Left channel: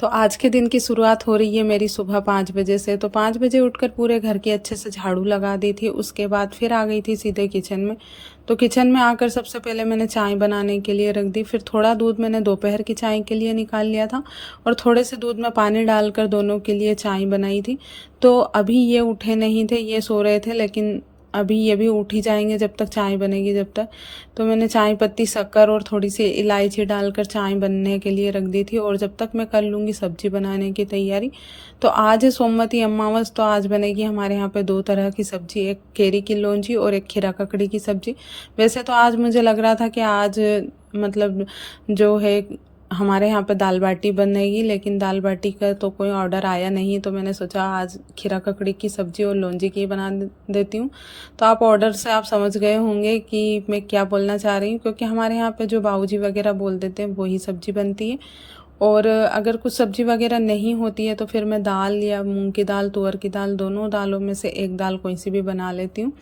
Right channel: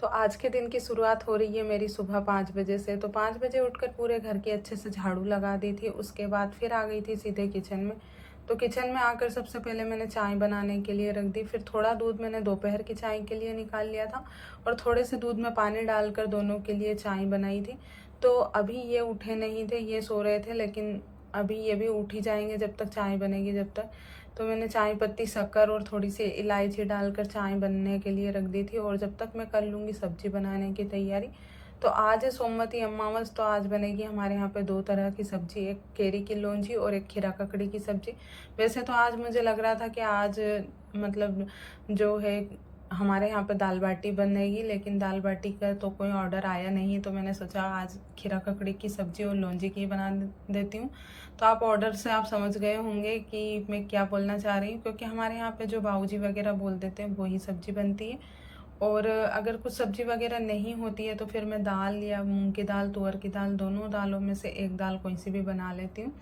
तो आज के दिन की शुरुआत हो रही है मेरी सुबह 5 बजे से। तो 5 बजे उठकर पूरे घर की अच्छे से झाड़ू लगा दी थी। उसके बाद फिर आ गई थी सीधे किचन में। तो किचन में आकर सबसे पहले मैंने चाय बनाने के लिए रख दी। फिर थोड़ा दूध मैंने दोपहर की चाय के लिए निकाल लिया था और थोड़े से दूध में पानी डालकर दोनों के लिए चाय बनाई थी। तो अभी ये उठे नहीं थे, ये सो रहे थे, लेकिन अभी ये भी उठ ही जाएंगे जब तक चाय बनेगी जब तक। तो मैंने चाय पत्ती, शक्कर और थोड़ी सी इलायची डालकर चाय बनने के लिए रख दी थी। और जब तक मैं कर लूँगी सब्जी बनाने की तैयारी। तो आज है सोमवती अमावस, तो आज बनेगी हमारे यहाँ पे 2 तरह की सब्जी, एक केरी की लौंजी और एक खीरा ककड़ी की सब्जी। वैसे तो आज मुझे लग रहा था कि आज मतलब जो है हमारे यहाँ पे दाल बाटी बनेगी, लेकिन दाल बाटी का तो कोई ऑर्डर आया नहीं। तो मैंने सोचा आज खीरा ककड़ी की सब्ज़ी और लौंजी की बना देती हूँ। तो आप ऑर्डर से आप समझ गए होंगे कि मैं क्या बोलना चाह रही हूँ, क्योंकि हमारे यहाँ पे जो बाबूजी वगैरह बोल देते हैं वही सब्ज़ी बनती है। और अगर कुछ सब्ज़ी वगैरह नहीं होती है तो फिर मैं दाल या मूंग की दाल, तुअर की दाल, दोनों दालों में से एक दाल कोई सी भी बना लेती हूँ।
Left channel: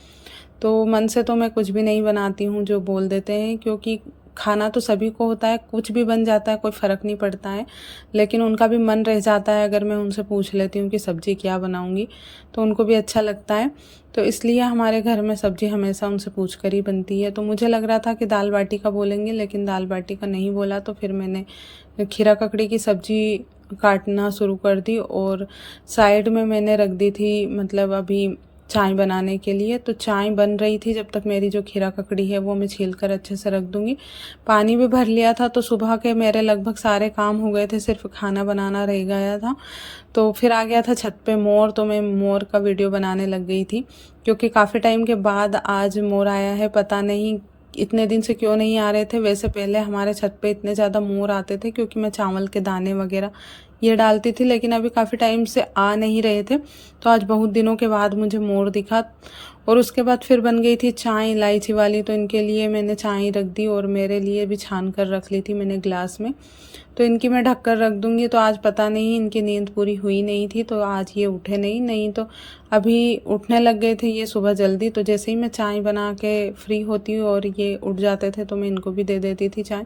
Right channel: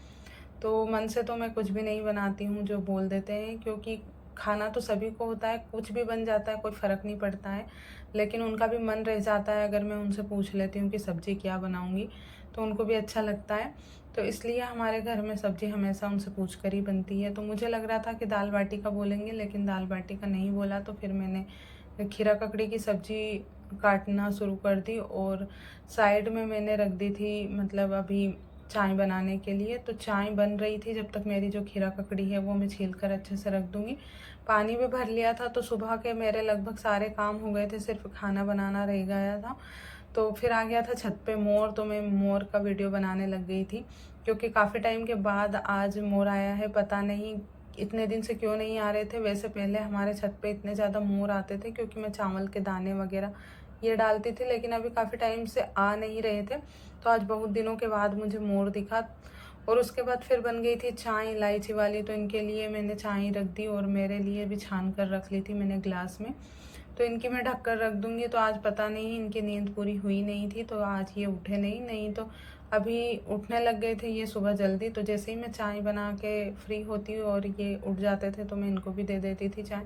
तो मन से तो मैं कुछ भी नहीं बनाती हूँ जो बोल देते हैं, क्योंकि खाना तो सभी को होता है, कुछ भी बन जाता है, कोई फ़र्क नहीं पड़ता है। लेकिन उनका भी मन रह जाता है अगर मैं उनसे पूछ लेती हूँ कि सब्ज़ी क्या बनाऊँगी, तो उनको भी अच्छा लगता है। तो इसलिए हमारे घर में सब्ज़ी हमेशा उनसे पूछ कर ही बनती है। तो मुझे लग रहा था कि दाल बाटी का बोलेंगे, लेकिन दाल बाटी का नहीं बोला। तो फिर मैंने खीरा ककड़ी की सब्ज़ी काटना शुरू कर दी और साइड में मैंने रख दी थी, मतलब अभी चाय बनाने के लिए। तो चाय बन रही थी जब तक मेरी जो खीरा ककड़ी है वो मैं छील कर अच्छे से रख दूँगी। पानी भी भर लिया था, तो सुबह के मेरे लगभग सारे काम हो गए थे, सिर्फ खाना बनाना रह गया था। तो फिर आ गया था छत पे मोर, तो मैं मोर का वीडियो बनाने लग गई थी, क्योंकि काफ़ी टाइम के बाद आज मोर आया है। पता नहीं इतने दिन से क्यों नहीं आ रहे थे। वैसे पहले हमारे छत पे इतने ज़्यादा मोर आते थे, क्योंकि मैं चावल के दाने वगैरह ये डालती थी, लेकिन अभी काफ़ी टाइम से आ नहीं रहे थे। तो आज बहुत दिनों के बाद मुझे मोर दिखा। और उसके बाद फिर बन गई थी चाय इलायची वाली। तो इनके लिए मैंने चाय रख दी और मेरे लिए भी छान कर रख ली थी मैंने ग्लास में। तो इनकी मैं ढक कर रख दूँगी। तो आज पता नहीं इनकी नींद पूरी हुई नहीं थी, तो आज ये उठे नहीं तो अभी उठने लग गए थे ये सुबह जल्दी। तो जैसे ही मैं चाय बना के फ्री होती हूँ और ये उठ जाते थे तो मैं इनको भी दे देती थी चाय।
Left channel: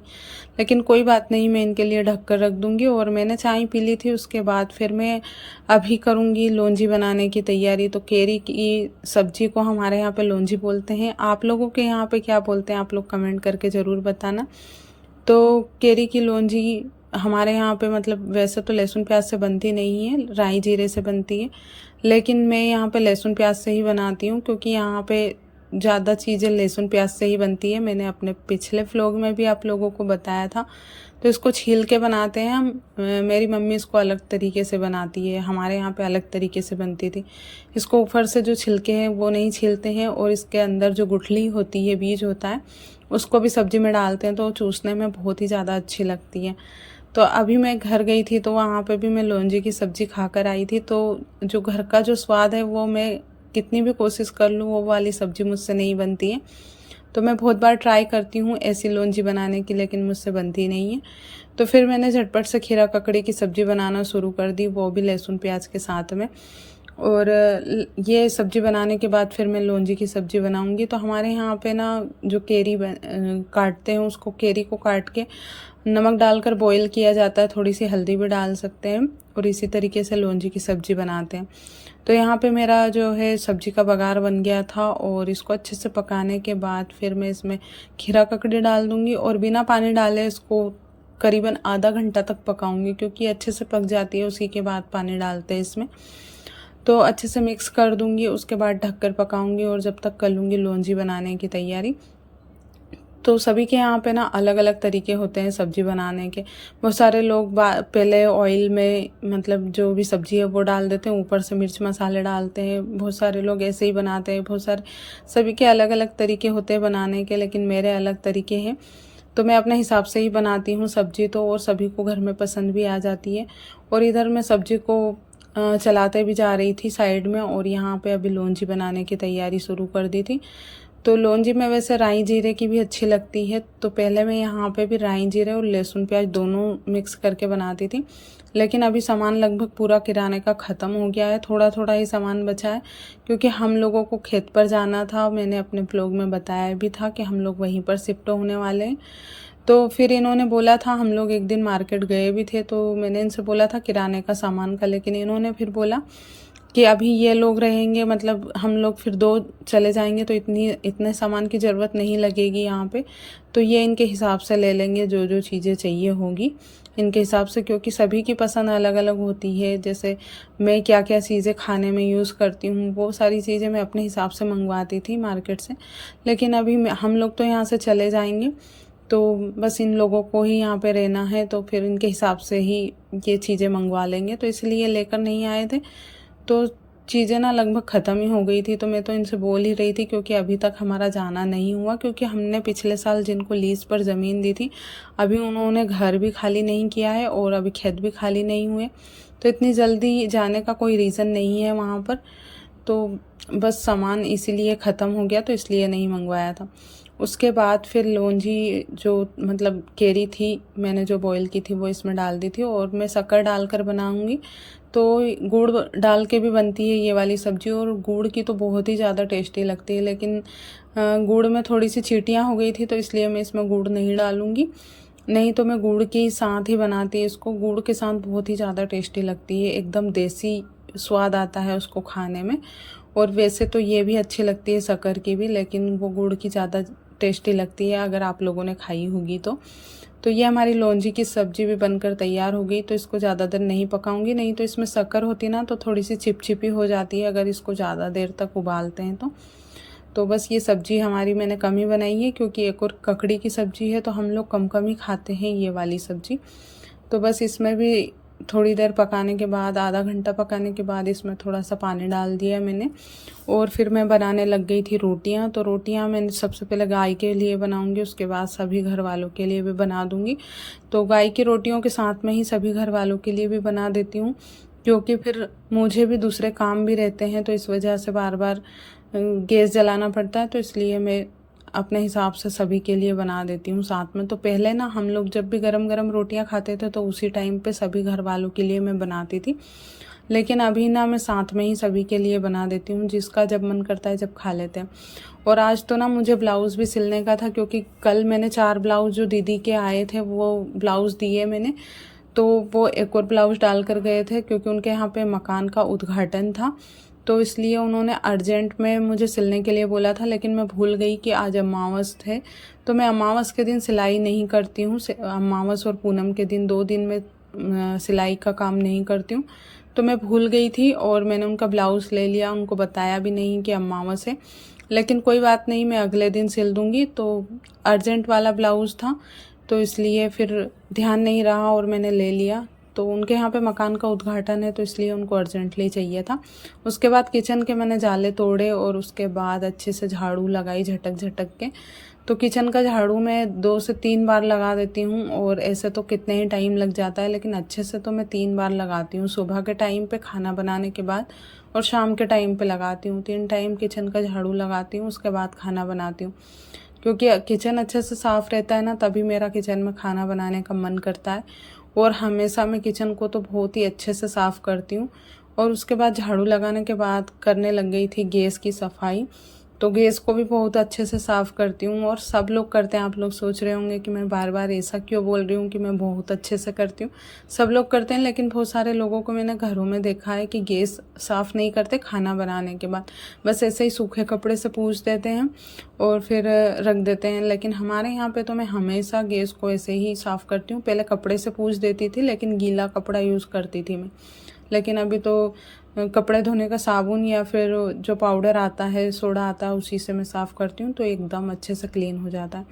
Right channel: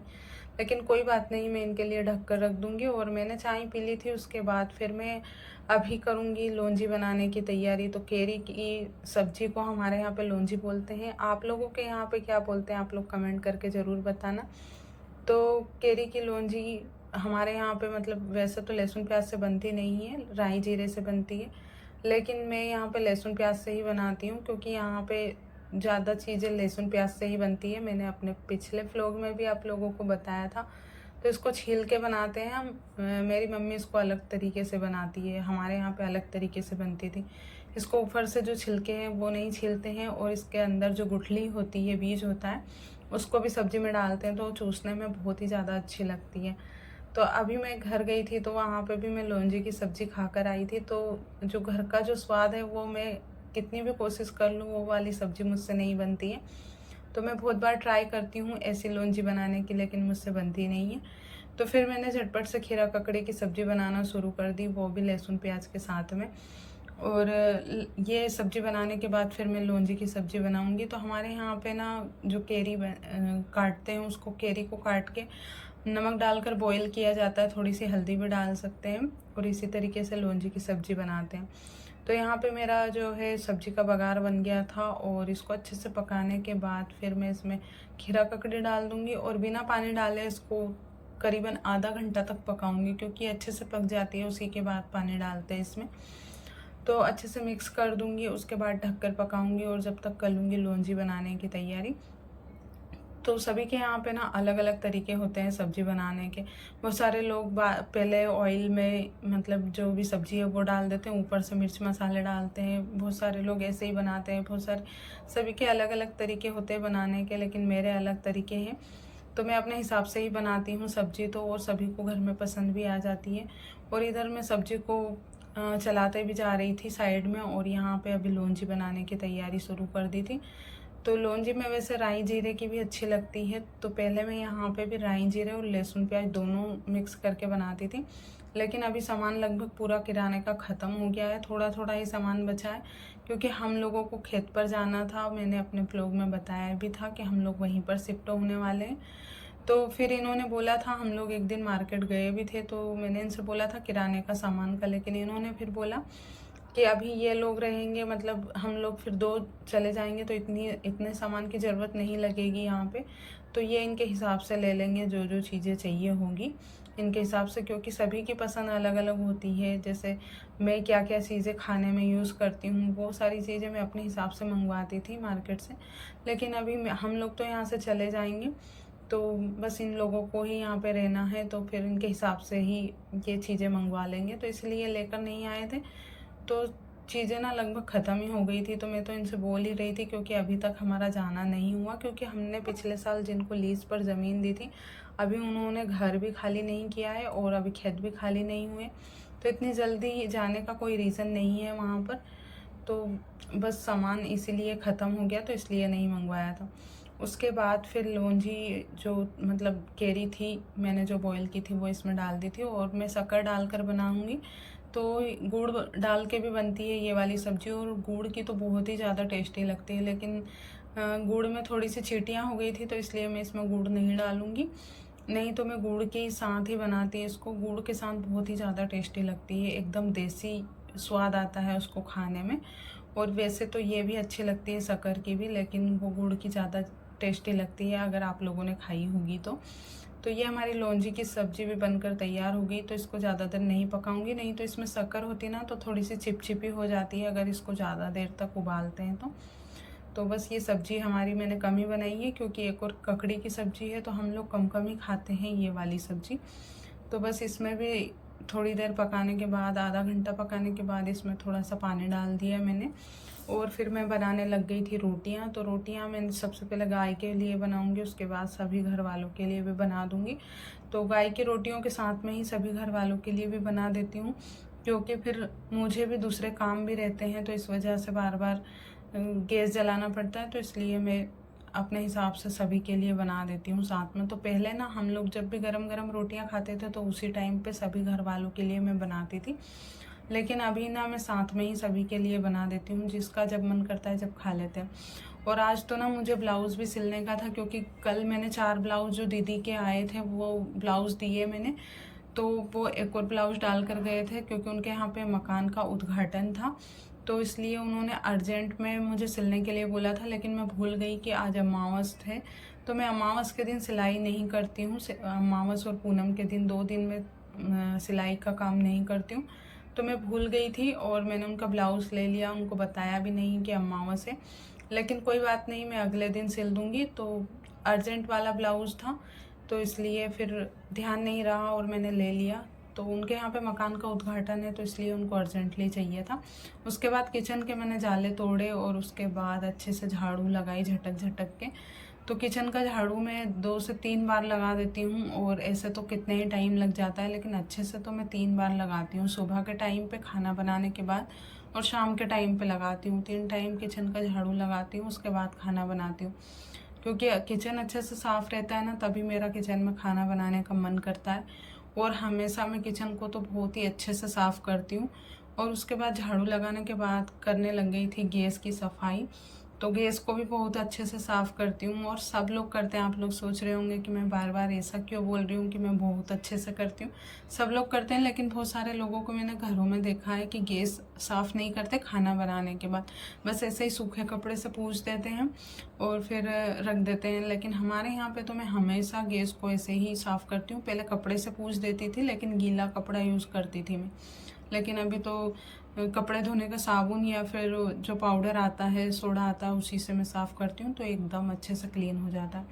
लेकिन कोई बात नहीं, मैं इनके लिए ढक कर रख दूँगी। और मैंने चाय पी ली थी, उसके बाद फिर मैं अभी करूँगी लौंजी बनाने की तैयारी। तो केरी की सब्ज़ी को हमारे यहाँ पे लौंजी बोलते हैं। आप लोगों के यहाँ पे क्या बोलते हैं, आप लोग कमेंट करके ज़रूर बताना। तो केरी की लौंजी हमारे यहाँ पे मतलब वैसे तो लहसुन प्याज से बनती नहीं है, राई जीरे से बनती है। लेकिन मैं यहाँ पे लहसुन प्याज से ही बनाती हूँ, क्योंकि यहाँ पे ज़्यादा चीज़ें लहसुन प्याज से ही बनती है। मैंने अपने पिछले व्लॉग में भी आप लोगों को बताया था। तो इसको छील के बनाते हैं हम। मेरी मम्मी इसको अलग तरीके से बनाती है, हमारे यहाँ पे अलग तरीके से बनती थी। इसको ऊपर से जो छिलके हैं वो नहीं छीलते हैं, और इसके अंदर जो गुठली होती है, बीज होता है, उसको भी सब्ज़ी में डालते हैं। तो चूसने में बहुत ही ज़्यादा अच्छी लगती है। तो अभी मैं घर गई थी तो वहाँ पे भी मैं लौंजी की सब्ज़ी खा कर आई थी। तो जो घर का जो स्वाद है वो मैं कितनी भी कोशिश कर लूँ वो वाली सब्ज़ी मुझसे नहीं बनती है। तो मैं बहुत बार ट्राई करती हूँ ऐसी लौंजी बनाने की, लेकिन मुझसे बनती नहीं है। तो फिर मैंने झटपट से खीरा ककड़ी की सब्ज़ी बनाना शुरू कर दी, वो भी लहसुन प्याज के साथ में। और ये सब्ज़ी बनाने के बाद फिर मैं लौंजी की सब्ज़ी बनाऊंगी। तो हमारे यहाँ पे ना जो केरी काटते हैं, उसको केरी को काट के नमक डालकर बॉईल किया जाता है, थोड़ी सी हल्दी भी डाल सकते हैं, और इसी तरीके से लौंजी की सब्ज़ी बनाते हैं। तो यहाँ पे मेरा जो है सब्ज़ी का बघार बन गया था, और इसको अच्छे से पकाने के बाद फिर मैं इसमें खीरा ककड़ी डाल दूँगी और बिना पानी डाले इसको करीबन आधा घंटा तक पकाऊंगी, क्योंकि अच्छे से पक जाती है उसी के बाद पानी डालते हैं इसमें। तो अच्छे से मिक्स कर दूंगी, उसके बाद ढककर पकाऊंगी और जब तक कर लूँगी लौंजी बनाने की तैयारी। तो सभी के यहाँ पे ना अलग अलग तरीके होते हैं सब्ज़ी बनाने के। बहुत सारे लोग पहले ऑयल में मतलब जो भी सब्ज़ी है वो डाल देते हैं, ऊपर से मिर्च मसाले डालते हैं। बहुत सारे लोग ऐसे ही बनाते हैं, बहुत सारे, सभी के अलग अलग तरीके होते हैं बनाने के, लेकिन मेरे अलग तरीके हैं। तो मैं अपने हिसाब से ही बनाती हूँ सब्ज़ी तो, और सभी को घर में पसंद भी आ जाती है। और इधर मैं सब्ज़ी को चलाते भी जा रही थी साइड में, और यहाँ पे अभी लौंजी बनाने की तैयारी शुरू कर दी थी। तो लौंजी में वैसे राई जीरे की भी अच्छी लगती है। तो पहले मैं यहाँ पे भी राई जीरे और लहसुन प्याज दोनों मिक्स करके बनाती थी, लेकिन अभी सामान लगभग पूरा किराने का ख़त्म हो गया है, थोड़ा थोड़ा ही सामान बचा है, क्योंकि हम लोगों को खेत पर जाना था। मैंने अपने ब्लॉग में बताया भी था कि हम लोग वहीं पर शिफ्ट होने वाले हैं। तो फिर इन्होंने बोला था, हम लोग एक दिन मार्केट गए भी थे, तो मैंने इनसे बोला था किराने का सामान का, लेकिन इन्होंने फिर बोला कि अभी ये लोग रहेंगे, मतलब हम लोग फिर 2 चले जाएंगे तो इतने सामान की ज़रूरत नहीं लगेगी यहाँ पे, तो ये इनके हिसाब से ले लेंगे जो जो चीज़ें चाहिए होगी इनके हिसाब से, क्योंकि सभी की पसंद अलग अलग होती है। जैसे मैं क्या क्या चीज़ें खाने में यूज़ करती हूँ, वो सारी चीज़ें मैं अपने हिसाब से मंगवाती थी मार्केट से, लेकिन अभी हम लोग तो यहाँ से चले जाएंगे, तो बस इन लोगों को ही यहाँ पे रहना है, तो फिर इनके हिसाब से ही ये चीज़ें मंगवा लेंगे, तो इसलिए लेकर नहीं आए थे। तो चीज़ें ना लगभग ख़त्म ही हो गई थी, तो मैं तो इनसे बोल ही रही थी, क्योंकि अभी तक हमारा जाना नहीं हुआ, क्योंकि हमने पिछले साल जिनको लीज़ पर ज़मीन दी थी, अभी उन्होंने घर भी खाली नहीं किया है और अभी खेत भी खाली नहीं हुए, तो इतनी जल्दी जाने का कोई रीज़न नहीं है वहाँ पर। तो बस सामान इसीलिए ख़त्म हो गया, तो इसलिए नहीं मंगवाया था। उसके बाद फिर लौंजी जो मतलब केरी थी, मैंने जो बॉईल की थी वो इसमें डाल दी थी, और मैं शक्कर डालकर बनाऊंगी, तो गुड़ डाल के भी बनती है ये वाली सब्ज़ी, और गुड़ की तो बहुत ही ज़्यादा टेस्टी लगती है, लेकिन गुड़ में थोड़ी सी चींटियाँ हो गई थी, तो इसलिए मैं इसमें गुड़ नहीं डालूँगी। नहीं तो मैं गुड़ के साथ ही बनाती है इसको, गुड़ के साथ बहुत ही ज़्यादा टेस्टी लगती है, एकदम देसी स्वाद आता है उसको खाने में। और वैसे तो ये भी अच्छी लगती है शक्कर की भी, लेकिन वो गुड़ की ज़्यादा टेस्टी लगती है, अगर आप लोगों ने खाई होगी तो ये हमारी लौंजी की सब्ज़ी भी बनकर तैयार हो गई। तो इसको ज़्यादा देर नहीं पकाऊंगी, नहीं तो इसमें शक्कर होती ना तो थोड़ी सी चिपचिपी हो जाती है अगर इसको ज़्यादा देर तक उबालते हैं तो बस ये सब्ज़ी हमारी मैंने कम ही बनाई है, क्योंकि एक और ककड़ी की सब्ज़ी है, तो हम लोग कम कम ही खाते हैं ये वाली सब्ज़ी। तो बस इसमें भी थोड़ी देर पकाने के बाद, आधा घंटा पकाने के बाद, इसमें थोड़ा सा पानी डाल दिया मैंने, और फिर मैं बनाने लग गई थी रोटियां। तो रोटियां मैंने सबसे पहले गाय के लिए बनाऊंगी, उसके बाद सभी घर वालों के लिए भी बना दूंगी। तो गाय की रोटियों के साथ में ही सभी घर वालों के लिए भी बना देती हूँ, क्योंकि फिर मुझे भी दूसरे काम भी रहते हैं, तो इस वजह से बार बार गैस जलाना पड़ता है, तो इसलिए मैं अपने हिसाब से सभी के लिए बना देती हूँ साथ में। तो पहले ना हम लोग जब भी गरम गरम रोटियां खाते थे तो उसी टाइम पे सभी घर वालों के लिए मैं बनाती थी, लेकिन अभी ना मैं साथ में ही सभी के लिए बना देती हूँ, जिसका जब मन करता है जब खा लेते हैं। और आज तो ना मुझे ब्लाउज़ भी सिलने का था, क्योंकि कल मैंने 4 ब्लाउज़ जो दीदी के आए थे वो ब्लाउज़ दिए मैंने, तो वो एक और ब्लाउज़ डाल कर गए थे, क्योंकि उनके यहाँ पे मकान का उद्घाटन था, तो इसलिए उन्होंने अर्जेंट में मुझे सिलने के लिए बोला था। लेकिन मैं भूल गई कि आज अमावस थे, तो मैं अमावस के दिन सिलाई नहीं करती हूँ, अमावस और पूनम के दिन 2 दिन में सिलाई का काम नहीं करती हूँ, तो मैं भूल गई थी और मैंने उनका ब्लाउज़ ले लिया, उनको बताया भी नहीं कि अमावस है। लेकिन कोई बात नहीं, मैं अगले दिन सिल दूँगी। तो अर्जेंट वाला ब्लाउज़ था, तो इसलिए फिर ध्यान नहीं रहा और मैंने ले लिया। तो उनके यहाँ पे मकान का उद्घाटन है, तो इसलिए उनको अर्जेंटली चाहिए था। उसके बाद किचन के मैंने जाले तोड़े और उसके बाद अच्छे से झाड़ू लगाई झटक झटक के। तो किचन का झाड़ू मैं 2 से 3 बार लगा देती हूँ, और ऐसे तो कितने ही टाइम लग जाता है, लेकिन अच्छे से तो मैं 3 बार लगाती हूँ, सुबह के टाइम पे खाना बनाने के बाद और शाम के टाइम पे लगाती हूँ। 3 टाइम किचन का झाड़ू लगाती हूँ, उसके बाद खाना बनाती हूँ, क्योंकि किचन अच्छे से साफ़ रहता है ना, तभी मेरा किचन में खाना बनाने का मन करता है। और हमेशा मैं किचन को तो बहुत ही अच्छे से साफ़ करती हूँ। और उसके बाद झाड़ू लगाने के बाद करने लग गई थी गैस की सफाई। तो गैस को भी बहुत अच्छे से साफ़ करती हूँ, और सब लोग करते हैं। आप लोग सोच रहे होंगे कि मैं बार बार ऐसा क्यों बोल रही हूँ कि मैं बहुत अच्छे से करती हूँ। सब लोग करते हैं, लेकिन बहुत सारे लोगों को मैंने घरों में देखा है कि गैस साफ़ नहीं करते खाना बनाने के बाद, बस ऐसे ही सूखे कपड़े से पूछ देते हैं और फिर रख देते हैं। लेकिन हमारे यहाँ पे तो मैं हमेशा गैस को ऐसे ही साफ़ करती हूँ। पहले कपड़े से पूछ देती थी, लेकिन गीला कपड़ा यूज़ करती थी मैं, लेकिन अभी तो कपड़े धोने का साबुन या फिर जो पाउडर आता है, सोडा आता है, उसी से मैं साफ़ करती हूँ, तो एकदम अच्छे से क्लीन हो जाता है।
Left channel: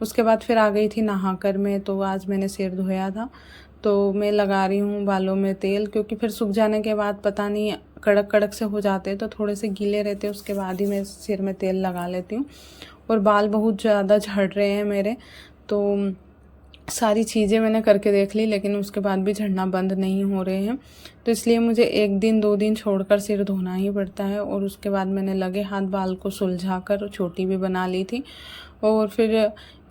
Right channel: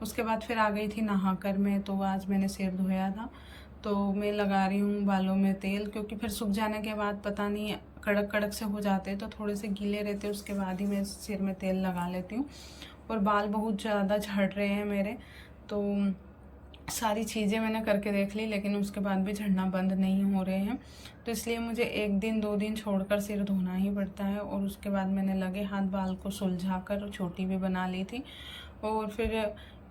उसके बाद फिर आ गई थी नहाकर मैं, तो आज मैंने सिर धोया था, तो मैं लगा रही हूँ बालों में तेल, क्योंकि फिर सूख जाने के बाद पता नहीं कड़क कड़क से हो जाते हैं, तो थोड़े से गीले रहते हैं, उसके बाद ही मैं सिर में तेल लगा लेती हूँ। और बाल बहुत ज़्यादा झड़ रहे हैं मेरे, तो सारी चीज़ें मैंने करके देख ली, लेकिन उसके बाद भी झड़ना बंद नहीं हो रहे हैं, तो इसलिए मुझे 1 दिन 2 दिन छोड़कर सिर धोना ही पड़ता है। और उसके बाद मैंने लगे हाथ बाल को सुलझा कर चोटी भी बना ली थी। और फिर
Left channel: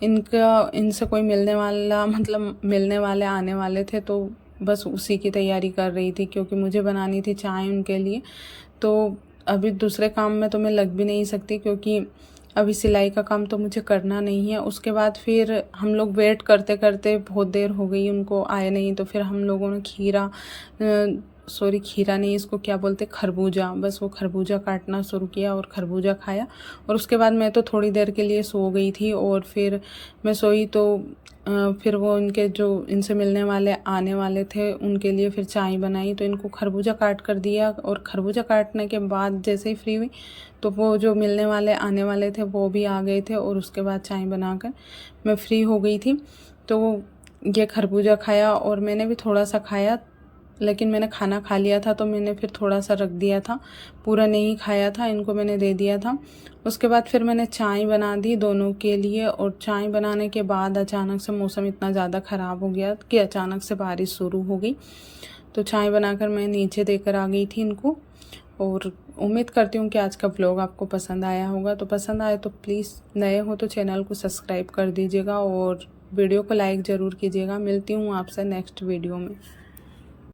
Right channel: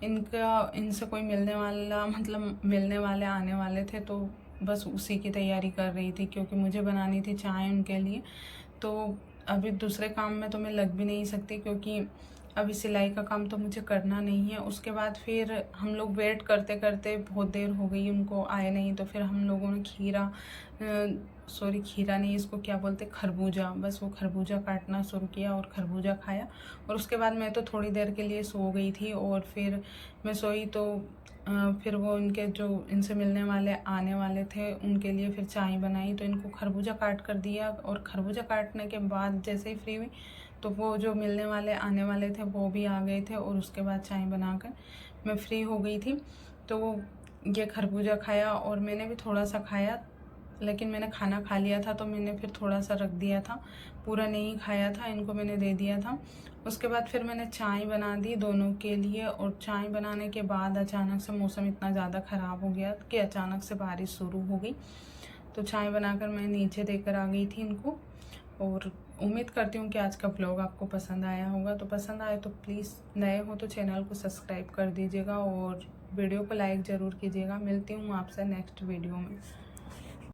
इनसे कोई मिलने वाला, मतलब मिलने वाले आने वाले थे, तो बस उसी की तैयारी कर रही थी, क्योंकि मुझे बनानी थी चाय उनके लिए। तो अभी दूसरे काम में तो मैं लग भी नहीं सकती, क्योंकि अभी सिलाई का काम तो मुझे करना नहीं है। उसके बाद फिर हम लोग वेट करते करते बहुत देर हो गई, उनको आए नहीं, तो फिर हम लोगों ने खीरा नहीं, इसको क्या बोलते, खरबूजा, बस वो खरबूजा काटना शुरू किया और खरबूजा खाया। और उसके बाद मैं तो थोड़ी देर के लिए सो गई थी, और फिर मैं सोई तो फिर वो इनके जो इनसे मिलने वाले आने वाले थे उनके लिए फिर चाय बनाई, तो इनको खरबूजा काट कर दिया। और खरबूजा काटने के बाद जैसे ही फ्री हुई तो वो जो मिलने वाले आने वाले थे वो भी आ गए थे, और उसके बाद चाय बनाकर मैं फ्री हो गई थी। तो ये खरबूजा खाया और मैंने भी थोड़ा सा खाया, लेकिन मैंने खाना खा लिया था तो मैंने फिर थोड़ा सा रख दिया था, पूरा नहीं खाया था, इनको मैंने दे दिया था। उसके बाद फिर मैंने चाय बना दी दोनों के लिए, और चाय बनाने के बाद अचानक से मौसम इतना ज़्यादा ख़राब हो गया कि अचानक से बारिश शुरू हो गई। तो चाय बनाकर मैं नीचे देकर आ गई थी इनको। और उम्मीद करती हूँ कि आज का व्लॉग आपको पसंद आया होगा। तो पसंद आए तो प्लीज़, नए हो तो चैनल को सब्सक्राइब कर दीजिएगा और वीडियो को लाइक ज़रूर कीजिएगा। मिलती हूँ आपसे नेक्स्ट वीडियो में।